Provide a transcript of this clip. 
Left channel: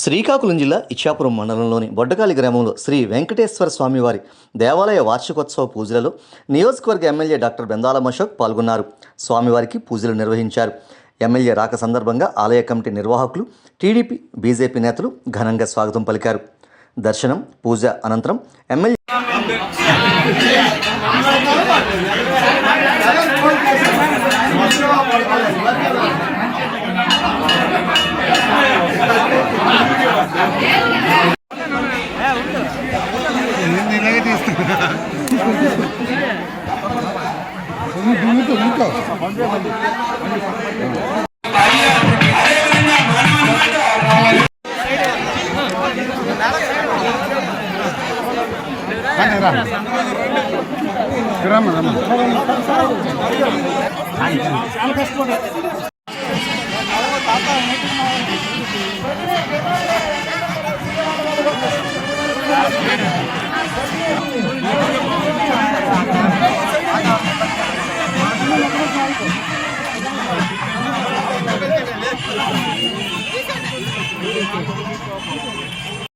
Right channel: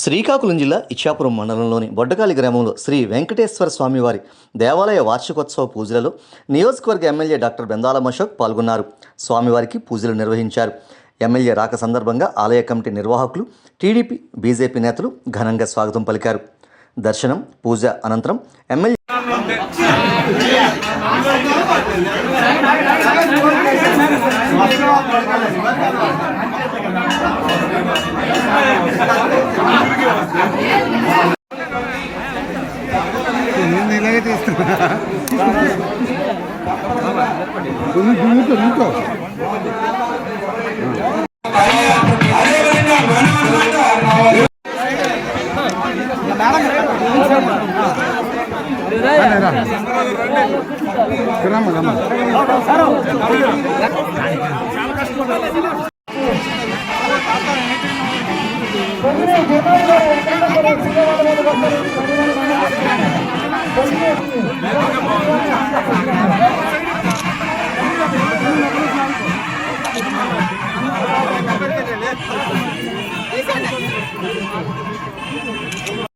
శ్రీకాకుళం జిల్లా ఇచ్చాపురం మండలంలోని బొడ్డకాలి గ్రామంలో శ్రీ వెంకటేశ్వర స్వామివారి దేవాలయ వార్షికోత్సవ పూజలలో నియోజకవర్గ ఎమ్మెల్యే డాక్టర్ బెందాలం అశోక్ పాల్గొన్నారు. స్వామివారికి పూజలు నిర్వహించారు. ఎమ్మెల్యే రాక సందర్భంగా ఆలయ కమిటీ నిర్వాహకులు, టీడీపీ, బీజేపీ నేతలు ఘనంగా స్వాగతం పలికారు. దర్శనం, పూజ అనంతరం ఎమ్మెల్యే ఇలాగే తీస్తున్నా రమ్మ రమ్మ